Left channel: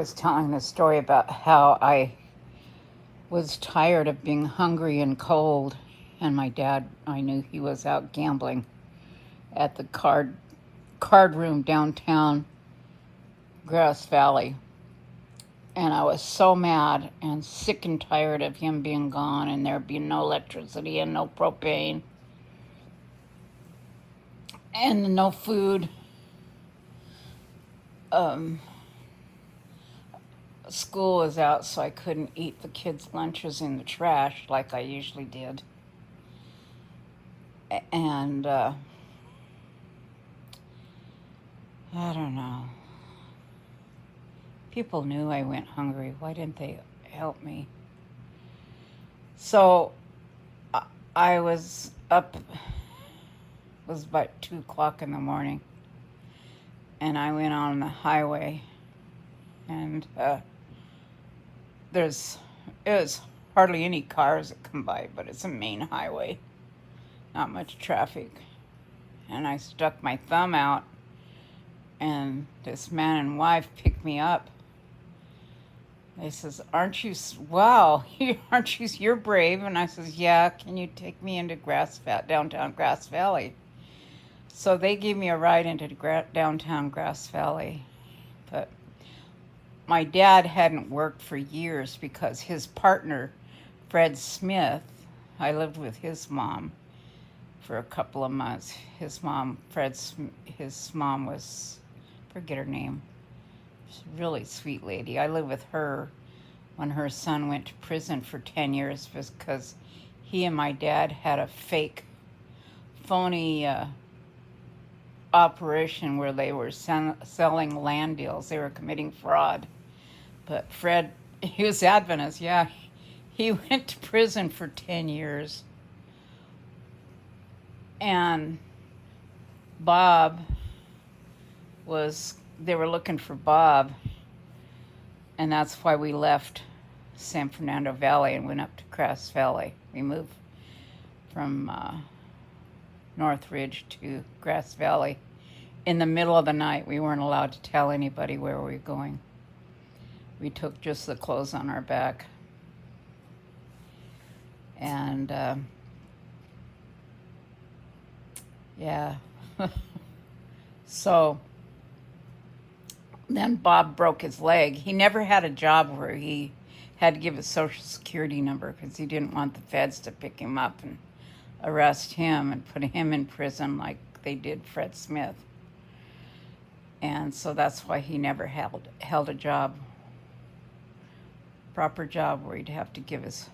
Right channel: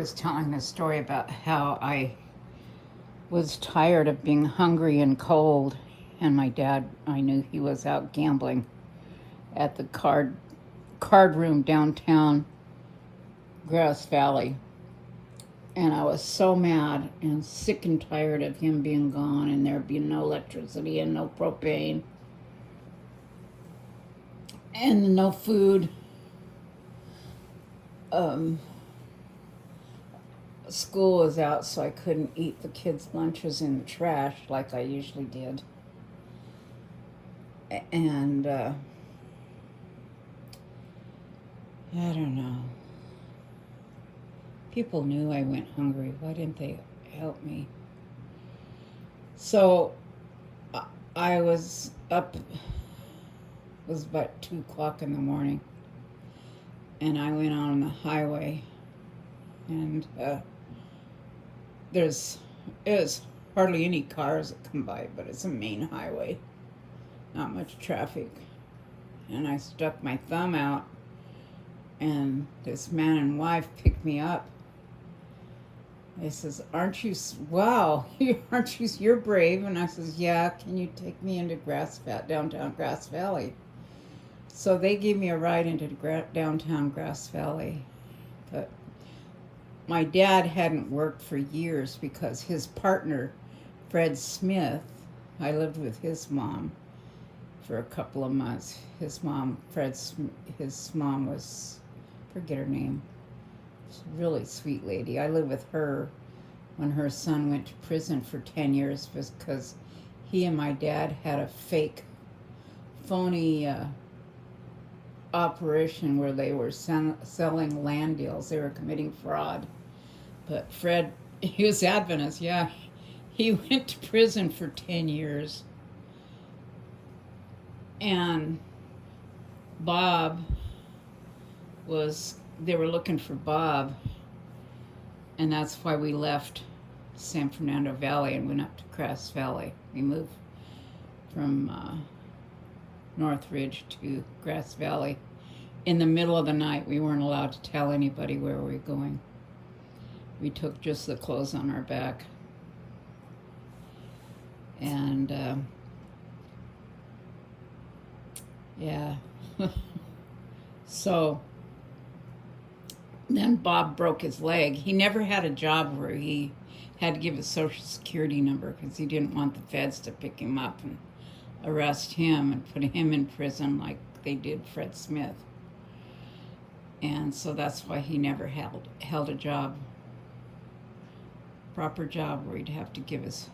was telling a story about how I was tired of being hungry and cold, and my dad, I knew he was out gambling at the card room downtown Grass Valley. And I was so mad and sick and tired of him being gone and there being no electricity and no propane and no food. School was out, so I couldn't eat the kids' lunches in the trash like I usually did. And I don't know. People knew I went hungry. Why didn't they help me? So I was up, it was about 2 o'clock in the morning, and I went on the highway, and there's hardly any cars that come by, but it's a main highway, not much traffic. And I stuck my thumb out, and this man and wife picked me up. They says, you're brave. And I says, yeah, can you take me into downtown Grass Valley? So they gave me a ride into downtown Grass Valley. But my dad hadn't worked for years because his partner, Fred Smith, I lived with his mom for a couple of months. His mom was, forget her name. She's a really sweet lady. I lived with her when her son went to prison for 10 years because he and my dad had a phony operation where they were selling land deals. They were committing fraud. But Fred, he was Adventist, yeah. He went to prison for 10 years. And they were looking for Bob, and that's why we left San Fernando Valley and went up to Grass Valley. We moved from Northridge to Grass Valley in the middle of the night. We weren't allowed to tell anybody where we were going. We took just the clothes on our back. And yeah. So then Bob broke his leg. He never had a job where he had to give his social security number because he didn't want the feds to pick him up and arrest him and put him in prison like they did Fred Smith. And so that's why he never held a job, proper job, where he'd have to give his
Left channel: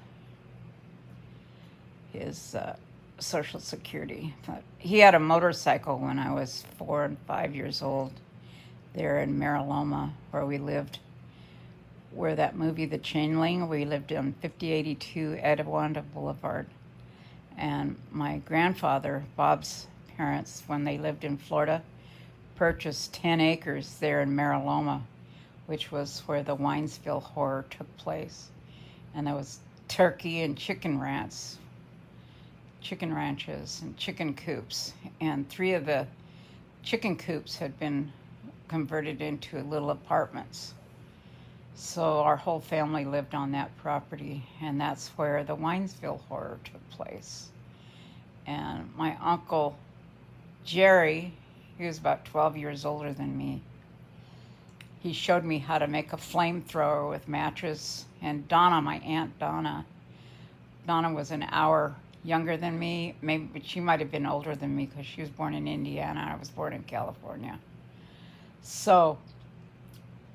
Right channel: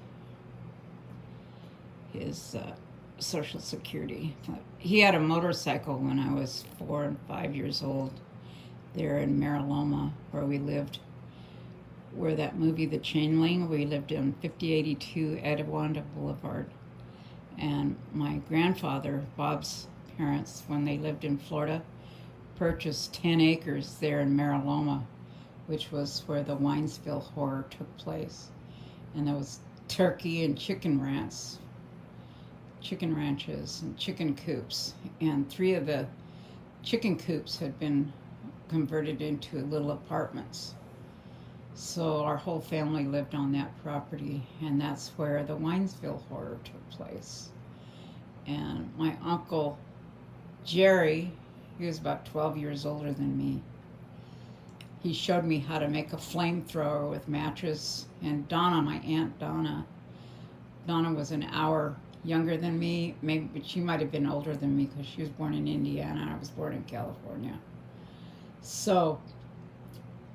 social security. But he had a motorcycle when I was 4 and 5 years old there in Mariloma, where we lived, where that movie The Changeling, we lived on 5082 Etiwanda Boulevard. And my grandfather, Bob's parents, when they lived in Florida, purchased 10 acres there in Mariloma, which was where the Winesville horror took place. And there was turkey and chicken ranches and chicken coops. And 3 of the chicken coops had been converted into little apartments. So our whole family lived on that property, and that's where the Winesville horror took place. And my uncle Jerry, he was about 12 years older than me. He showed me how to make a flamethrower with matches. And Donna, my aunt Donna was an hour younger than me. Maybe she might have been older than me because she was born in Indiana and I was born in California. So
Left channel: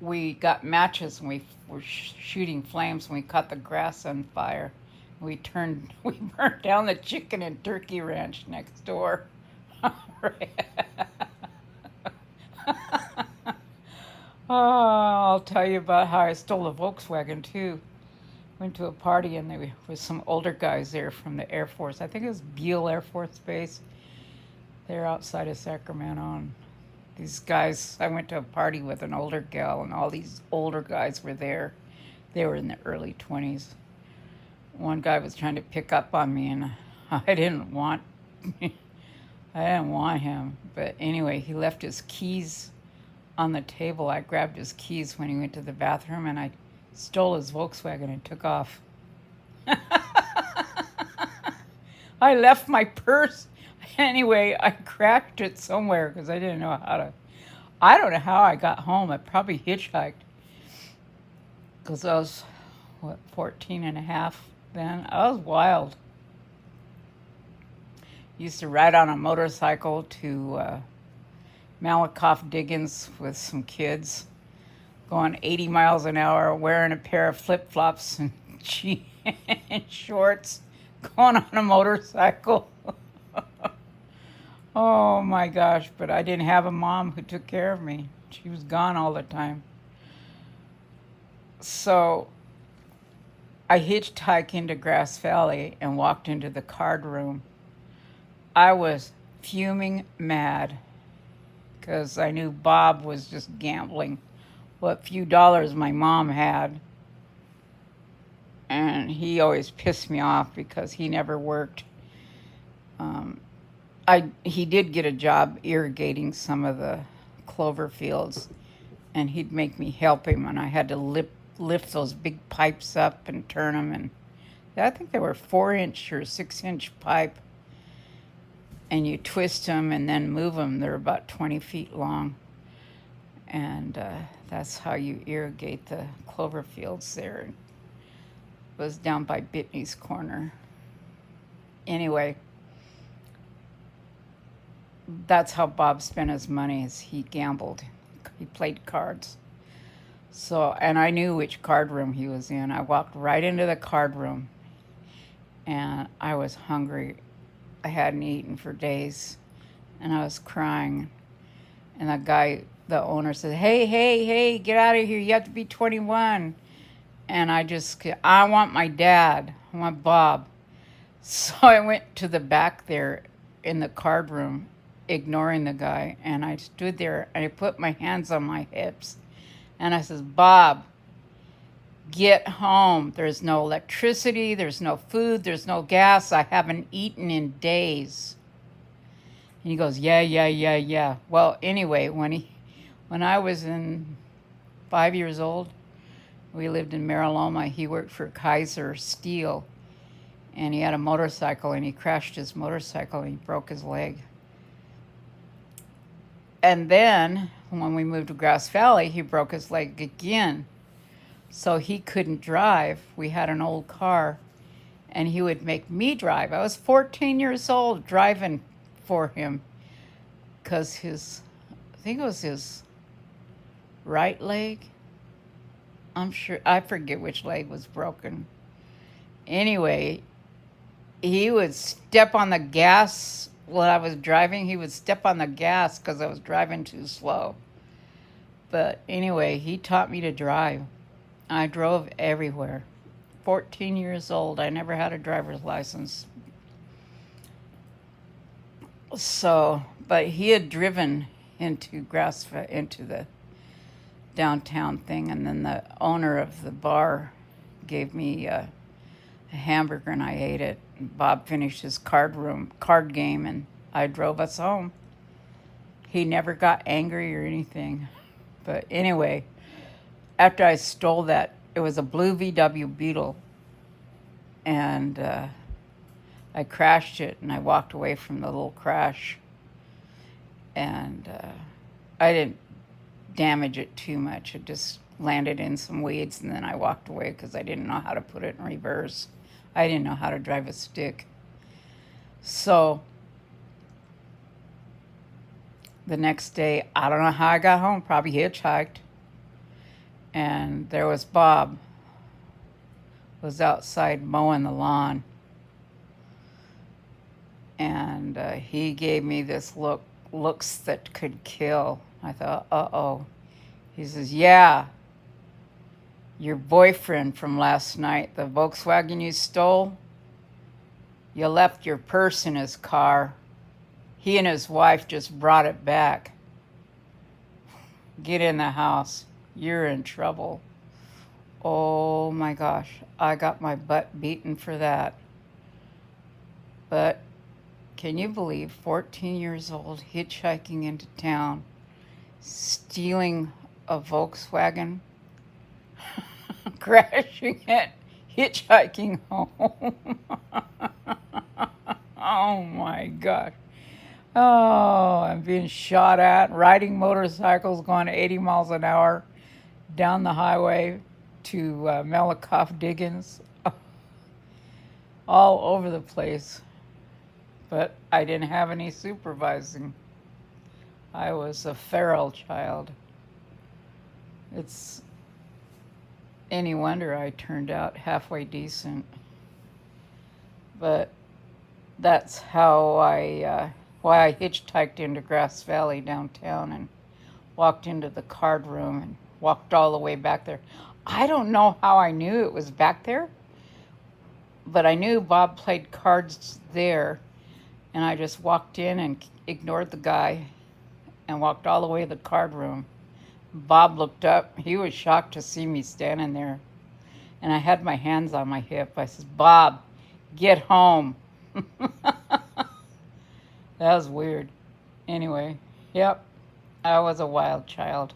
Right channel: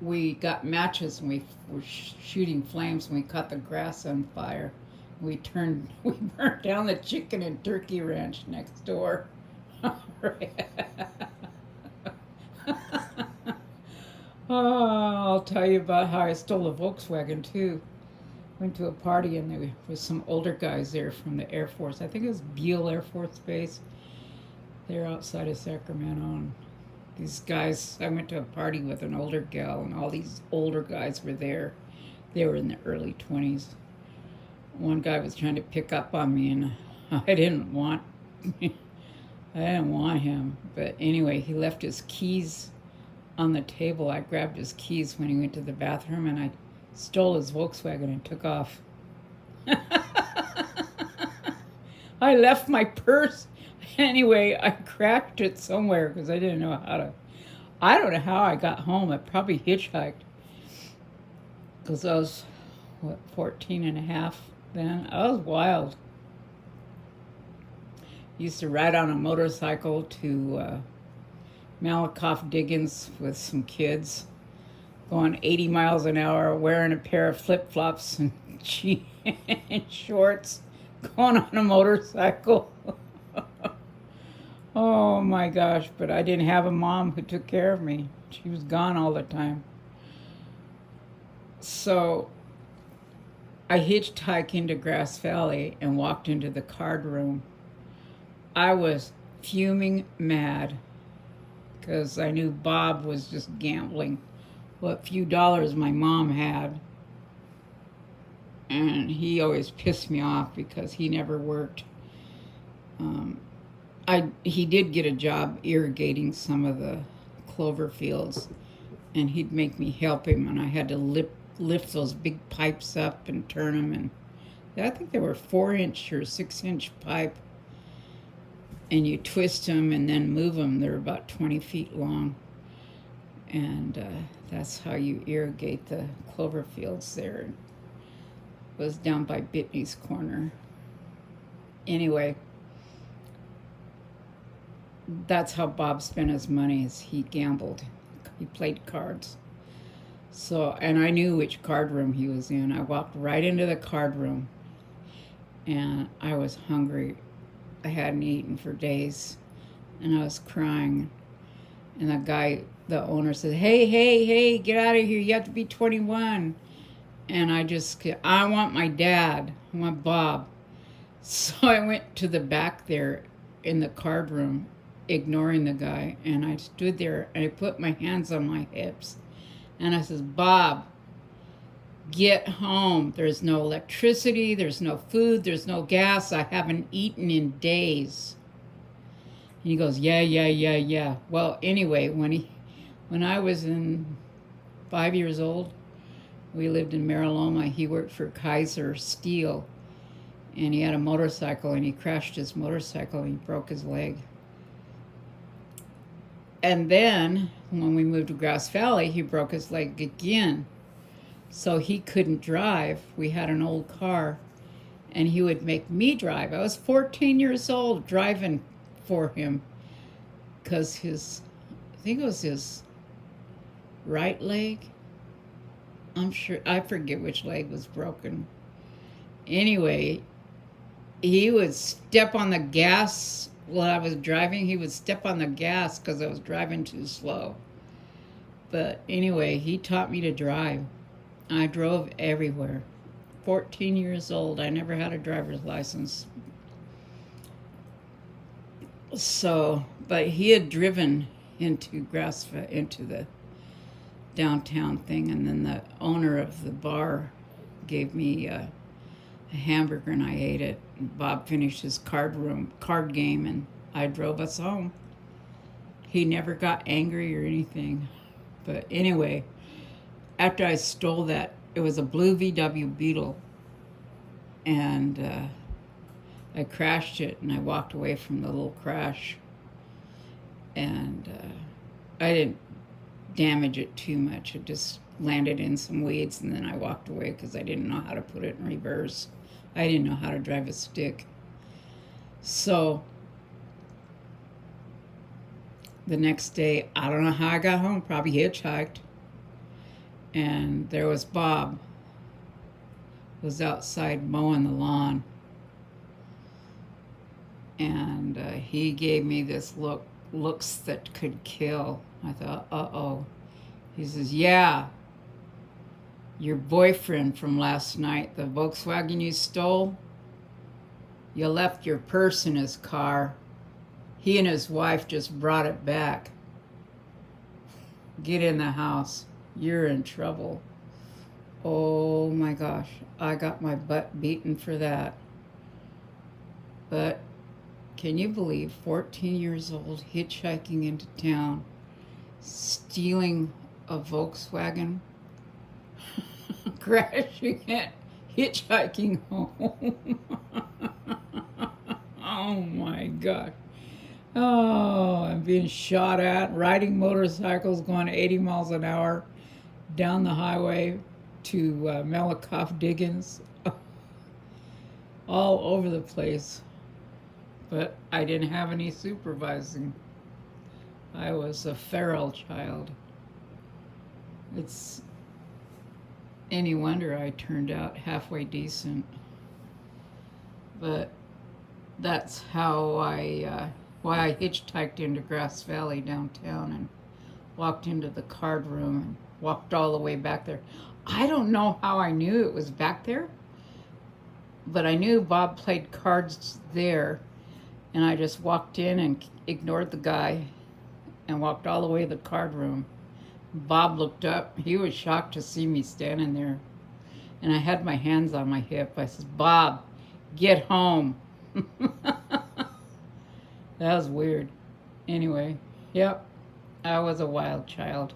we got matches and we were shooting flames and we caught the grass on fire. We burned down the chicken and turkey ranch next door. Oh, I'll tell you about how I stole a Volkswagen too. Went to a party and there was some older guys there from the Air Force. I think it was Beale Air Force Base. They're outside of Sacramento. And these guys, I went to a party with an older gal and all these older guys were there. They were in their early 20s. One guy was trying to pick up on me and I didn't want him. But anyway, he left his keys on the table. I grabbed his keys when he went to the bathroom and I stole his Volkswagen and took off. I left my purse. Anyway, I crashed it somewhere because I didn't know how to. I don't know how I got home. I probably hitchhiked because I was, 14 and a half then. I was wild. Used to ride on a motorcycle to Malakoff Diggins with some kids, going 80 miles an hour, wearing a pair of flip-flops and shorts, going on a motorcycle. Oh my gosh, but I didn't have a mom who took care of me. She was gone all the time. So I hitchhiked into Grass Valley and walked into the card room. I was fuming mad because I knew Bob was just gambling what few dollars my mom had. And he always pissed me off because he never worked. He did get a job irrigating some of the clover fields, and he'd make me help him, and I had to lift those big pipes up and turn them, and I think they were 4-inch or 6-inch pipe, and you twist them and then move them. They're about 20 feet long, and that's how you irrigate the clover fields there. It was down by Bitney's Corner. Anyway, that's how Bob spent his money, is he gambled. He played cards. So, and I knew which card room he was in. I walked right into the card room, and I was hungry. I hadn't eaten for days, and I was crying. And the owner said, hey, get out of here. You have to be 21. And I want my dad. I want Bob. So I went to the back there in the card room, ignoring the guy, and I stood there and I put my hands on my hips and I says, Bob, get home. There's no electricity, there's no food, there's no gas. I haven't eaten in days. And he goes, yeah. Well, anyway, when I was 5 years old, we lived in Mariloma. He worked for Kaiser Steel, and he had a motorcycle, and he crashed his motorcycle and he broke his leg. And then when we moved to Grass Valley, he broke his leg again. So he couldn't drive. We had an old car, and he would make me drive. I was 14 years old driving for him because I think it was his right leg. I forget which leg was broken. Anyway, he would step on the gas while I was driving. He would step on the gas because I was driving too slow. But anyway, he taught me to drive. I drove everywhere. 14 years old. I never had a driver's license. So, but he had driven into the downtown thing, and then the owner of the bar gave me a hamburger, and I ate it. Bob finished his card game, and I drove us home. He never got angry or anything. But anyway, after I stole that, it was a blue VW Beetle, and I crashed it, and I walked away from the little crash, and I didn't damage it too much. It just landed in some weeds, and then I walked away because I didn't know how to put it in reverse. I didn't know how to drive a stick. So the next day, I don't know how I got home, probably hitchhiked, and there was Bob, was outside mowing the lawn, and he gave me this looks that could kill. I thought, uh-oh. He says, yeah, your boyfriend from last night, the Volkswagen you stole, you left your purse in his car. He and his wife just brought it back. Get in the house. You're in trouble. Oh my gosh, I got my butt beaten for that. But can you believe 14 years old, hitchhiking into town, stealing a Volkswagen, crashing it, hitchhiking home. Oh my God. Oh, I'm being shot at, riding motorcycles going 80 miles an hour down the highway to Malakoff Diggins, all over the place. But I didn't have any supervising. I was a feral child. It's any wonder I turned out halfway decent. But that's how why I hitchhiked into Grass Valley downtown and walked into the card room and walked all the way back there. I don't know how I knew it was back there, but I knew Bob played cards there, and I just walked in and ignored the guy and walked all the way to the card room. Bob looked up. He was shocked to see me standing there, and I had my hands on my hip. I said, "Bob, get home." That was weird. Anyway, yep, I was a wild child.